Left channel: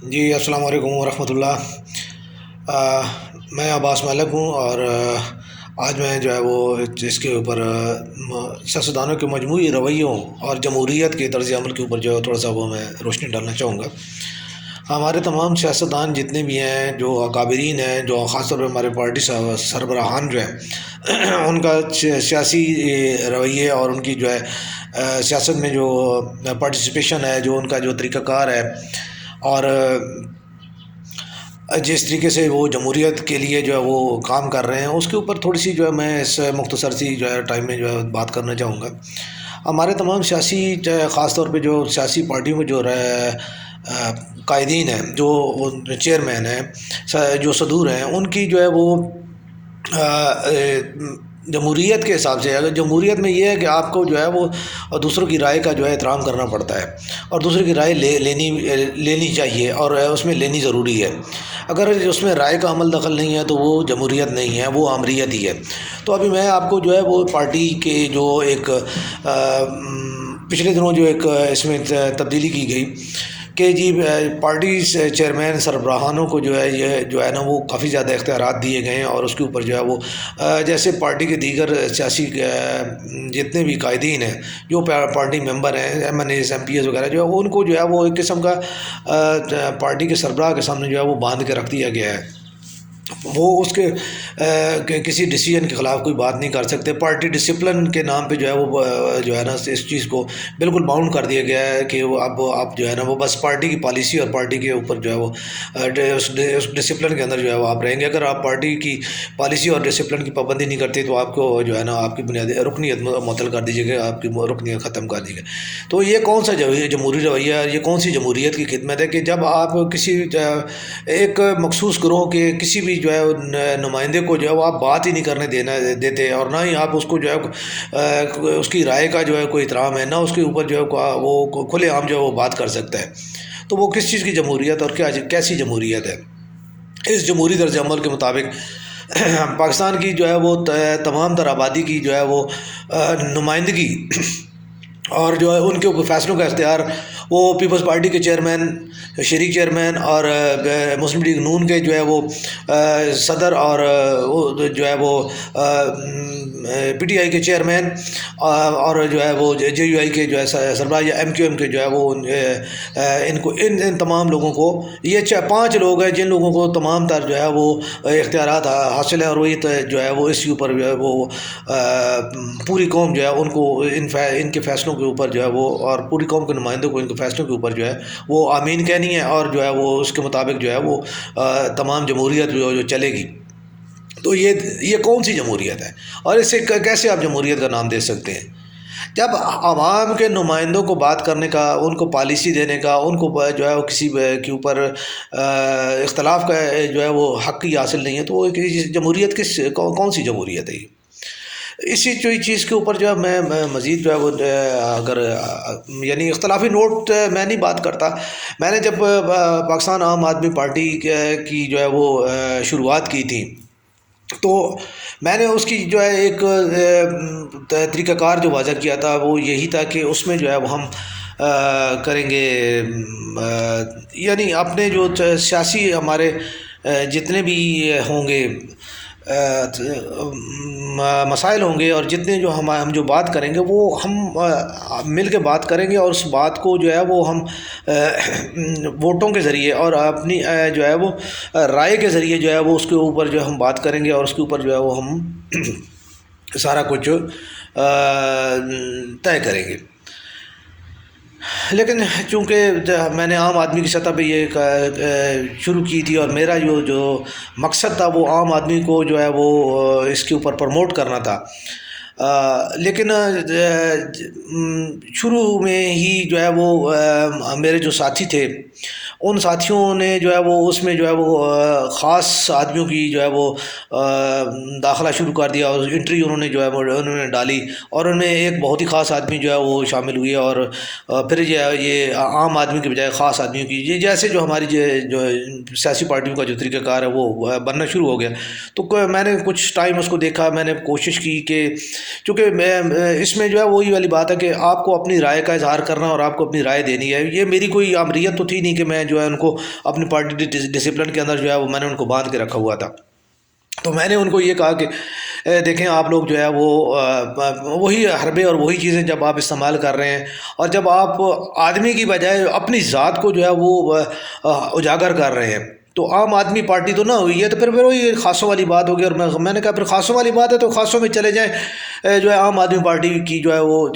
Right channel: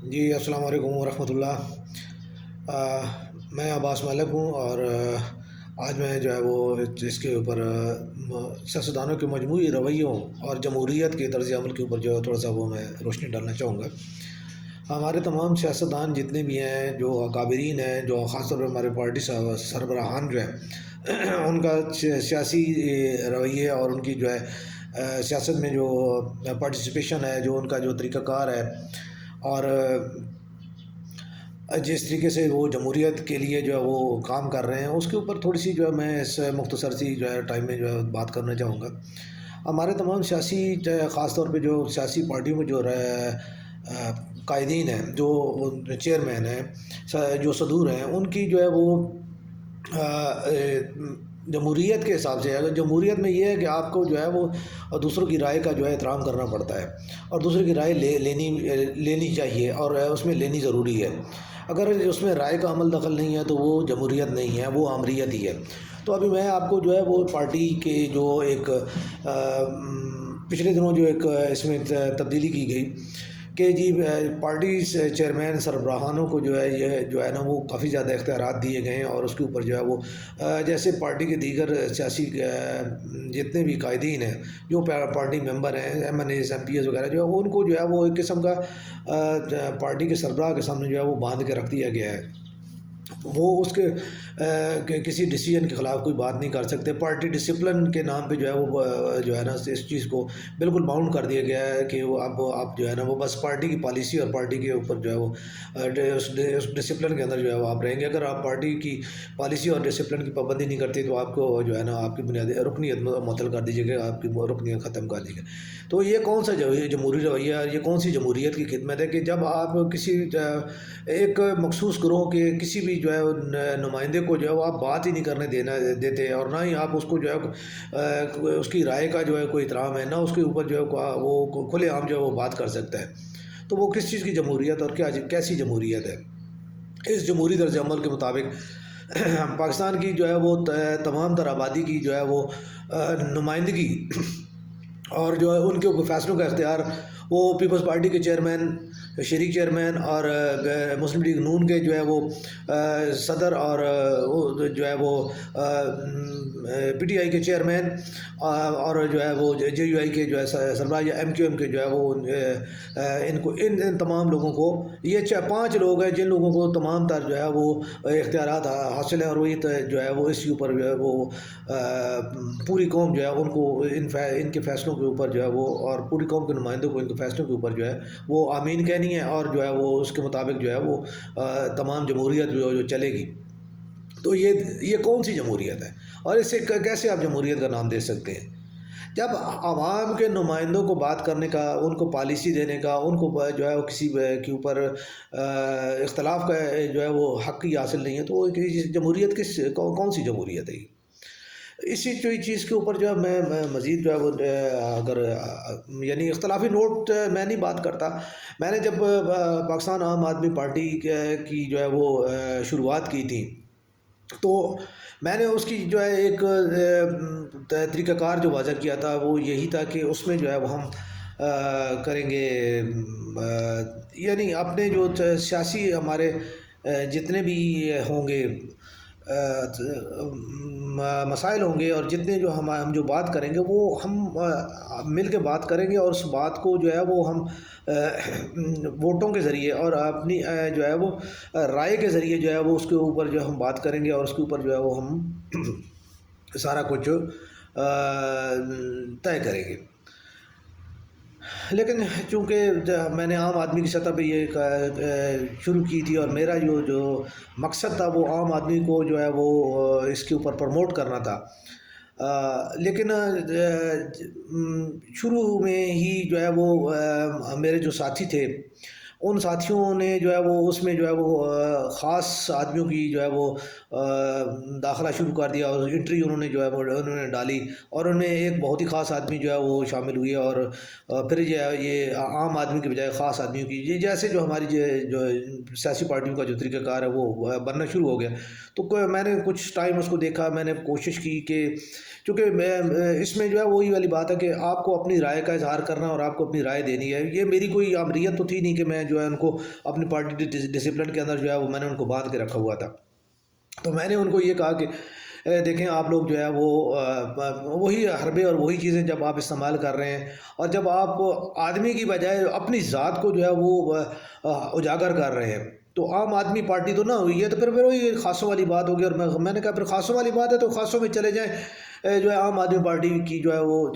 جی السلام علیکم ورحمۃ اللہ۔ آ، میں عباس ملک ہوں، اور آج میں جو ہے وہ اس کے اوپر سیاستدانوں کے مجموعی رویوں اور جمہوریت کے طرز عمل کے اوپر جو ہے تھوڑا سا وہ میں روشنی ڈالنا چاہوں گا۔ ہمارے تمام سیاستدان جتنے بھی ہیں، جو اکابرین ہیں، جو خاص طور پہ ہمارے پارٹی سربراہان جو ہیں ان کا سیاسی رویے اور ان کی جو ہے سیاست میں جو پارٹیسپیشن ہے، جو ان کا جو طریقہ کار ہے، اور جس طریقے سے وہ جمہوریت کے لیے جو ہے وہ کام کر رہے ہیں، اس کے اوپر تھوڑی سی جو ہے میں اس مختصر سی جو ہے ٹائم میں جو ہے بات کرنا چاہوں گا۔ ہمارے تمام سیاسی خاص طور پہ جو سیاسی پارٹیوں کے جو قائدین ہیں، جو چیئرمین ہیں، جو صدور ہیں، ان کی جو ہے وہ جمہوریت کے حساب سے، اگر جمہوریت میں یہ ہے کہ آپ کو جو ہے وہ دوسروں کی رائے کا جو ہے احترام کرنا پڑتا ہے، اور دوسروں کی رائے لینی چاہیے، اور اس میں لینی ضروری ہے۔ اگر اس میں رائے کا عمل دخل نہیں ہے تو وہ جمہوریت نہیں ہے، وہ آمریت ہی ہے۔ تو ابھی میں آپ کو جو ہے وہ پارٹی کے جو ایک پچھلے دنوں جو ایک اس میں تبدیلی کی گئی کہ جی پارٹی چیئرمین سربراہانوں کو جو ہے یہ جو ہے نا وہ کافی زیادہ اختیارات دیے گئے ہیں، اور اس کے اوپر جو ہے وہ جیسے پارٹی کے دیگر سیاسی جتنے بھی قائدین ہیں، جو پارٹی ممبر ہیں، MNAs, MPAs وغیرہ، جو ہے ان کو جو ہے وہ ایک قسم کا پارٹی کے سربراہ کے سامنے جو ہے وہ باندھ کے رکھ دیا گیا ہے۔ وہ اس کے کسی ڈیسیجن کے خلاف کوئی بات نہیں کر سکتے۔ پارٹی ڈسپلن کے نام پہ جو ہے وہ جو ہے نا اس چیز کو بالکل باؤنڈ کر دیا گیا ہے کہ وہ اب آپ جو ہے نا وہ بس پارٹی کی پالیسی اور پارٹی کے اوپر جو ہے وہ اس ڈسپلن کے اندر جو ہے وہ آپ رہیں گے۔ اگر آپ پارٹی کی پالیسی اور ڈسپلن کی پابندی نہیں کرتے تو آپ کو جو ہے نا آپ کی بنیادی رکنیت معطل کر دیجیے گا، آپ کی رکنیت ختم کر دی گئی۔ تو یہ کون سا جمہوری رویہ ہے، یہ کون سی جمہوریت کی خدمت ہے کہ جب آپ کسی ایک مخصوص گروہ کے کسی بھی جو ہے نمائندے کو جو ہے وہ آپ بات ہی نہیں کرنے دیتے، اور نہ ہی آپ اس کو جو ہے اس کی رائے کا جو ہے کوئی احترام ہے، نہ اس کے اوپر جو ہے وہ کھلے عام جو ہے وہ بات کر سکتا ہے، تو وہ کس چیز کی جمہوریت اور کیسی جمہوریت ہے؟ اس جمہوری طرز عمل کے مطابق پاکستان کی جو ہے وہ تمام تر آبادی کی جو ہے وہ نمائندگی اور جو ہے ان کے اوپر فیصلوں کا اختیار وہ پیپلز پارٹی کے چیئرمین، شریک چیئرمین، اور مسلم لیگ نون کے جو ہے وہ صدر، اور جو ہے وہ پی ٹی آئی کے چیئرمین، اور جو ہے وہ جے یو آئی کے جو ہے سربراہ، یا ایم کیو ایم کے جو ہے وہ ان تمام لوگوں کو، یہ 5 لوگ ہیں جن لوگوں کو تمام تر جو ہے وہ اختیارات حاصل ہیں، اور وہ جو ہے وہ اس کے اوپر جو ہے وہ پوری قوم جو ہے ان کو ان کے فیصلوں کے اوپر جو ہے وہ، اور پوری قوم کے نمائندوں کو ان کے فیصلوں کے اوپر جو ہے وہ آمین کہنی ہے، اور جو ہے وہ اس کے مطابق جو ہے وہ تمام جمہوریت جو چلے گی۔ تو یہ کون سی جمہوریت ہے، اور اسے کیسے آپ جمہوریت کا نام دے سکتے ہیں؟ جب عوام کے نمائندوں کو بات کرنے کا، ان کو پالیسی دینے کا، ان کو جو ہے وہ کسی کے اوپر اختلاف کا جو ہے وہ حق ہی حاصل نہیں ہے، تو وہ جمہوریت کون سی جمہوریت ہے یہ؟ اسی چیز کے اوپر جو ہے میں مزید جو ہے وہ اگر یعنی اختلافی نوٹ میں نہیں بات کرتا۔ میں نے جب پاکستان عام آدمی پارٹی کی جو ہے وہ شروعات کی تھی، تو میں نے اس کی جو ہے ایک طریقہ کار جو واضح کیا تھا، وہ یہی تھا کہ اس میں جو ہے وہ ہم کریں گے، یعنی اپنے جو سیاسی ہمارے جتنے بھی ہوں گے مسائل ہوں گے، اور جتنے جو ہم جو بات کریں گے وہ ہم مل کے بات کریں گے، اور اس بات کو جو ہے وہ ہم ووٹوں کے ذریعے اور اپنی جو ہے وہ رائے کے ذریعے جو ہے وہ اس کے اوپر جو ہم بات کریں گے، اور اس کے اوپر جو ہے وہ ہم سارا کچھ طے کریں گے۔ لیکن چونکہ میں نے عام آدمی کی سطح پہ یہ شروع کی تھی، اور میرا جو مقصد تھا وہ عام آدمی کو جو ہے وہ اس کے اوپر پروموٹ کرنا تھا، لیکن شروع میں ہی جو ہے وہ میرے جو ساتھی تھے، ان ساتھیوں نے جو ہے وہ اس میں جو ہے وہ خاص آدمیوں کی جو ہے وہ داخلہ شروع کر دیا، اور انٹری انہوں نے جو ہے وہ انہوں نے ڈالی، اور ان میں ایک بہت ہی خاص آدمی جو ہے وہ شامل ہوئی، اور پھر یہ عام آدمی کے بجائے خاص آدمیوں کی یہ جیسے جو ہماری جو سیاسی پارٹیوں کا جو طریقہ کار ہے وہ بننا شروع ہو گیا۔ تو میں نے کچھ ٹائم اس کو دیکھا، میں نے کوشش کی کہ چونکہ میں اس میں جو ہے وہی والی بات ہے کہ آپ کو اپنی رائے کا اظہار کرنا اور آپ کو اپنی رائے دینی ہے۔ یہ میری کوئی آمریت تو تھی نہیں کہ میں جو ہے ان کو اپنی پارٹی ڈسپلن کے اندر جو ہے وہ میں نے ان کو باندھ کے رکھا ہوا تھا. تو میں نے ان کو یہ کہا کہ دیکھیں آپ لوگ جو ہے وہ وہی حربے اور وہی چیزیں جب آپ استعمال کر رہے ہیں اور جب آپ آدمی کی بجائے اپنی ذات کو جو ہے وہ اجاگر کر رہے ہیں تو عام آدمی پارٹی تو نہ ہوئی ہے. تو پھر وہی خاصوں والی بات ہوگی. اور میں نے کہا پھر خاصوں والی بات ہے تو خاصوں میں چلے جائیں جو ہے عام آدمی پارٹی کی جو ہے وہ